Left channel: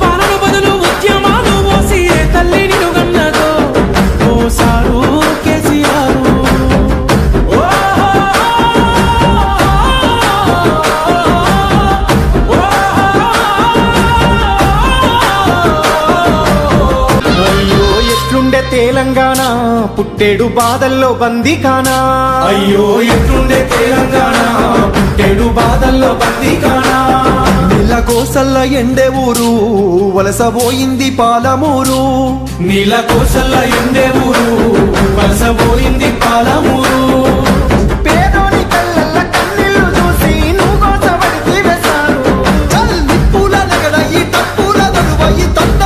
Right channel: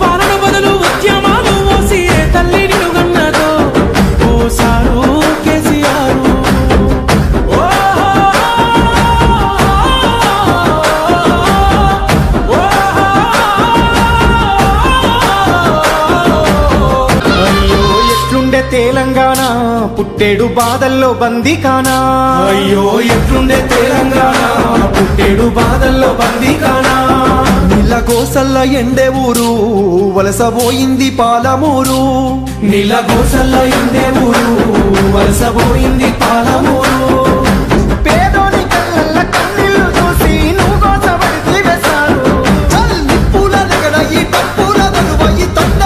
పాలన బదులు ఉద్యమాలు మోసి ఏ తల్లి నిన్ను గన్నదో ఓ సారు కేసీఆర్. అయ్యో ఎట్లుండే తెలంగాణ పుట్టేడు బాధల్లో బందీకానా. అయ్యో ఎట్లుండే తెలంగాణ పుట్టేడు బాధల్లో బందీకానా. నీళ్ళ కోసల్ల ఎండే ఊరు వలసపోయింది పాలమూరు. నీళ్ళ కోసల్ల ఎండే ఊరు వలసపోయింది పాలమూరు. పేదోని కళ్ళల్ల కన్నీళ్లు చూసి నువ్వు కోసబడితే వేశారు. నిప్పుల నెగడ ఈ తప్పుల దొరువ ఈ తొండ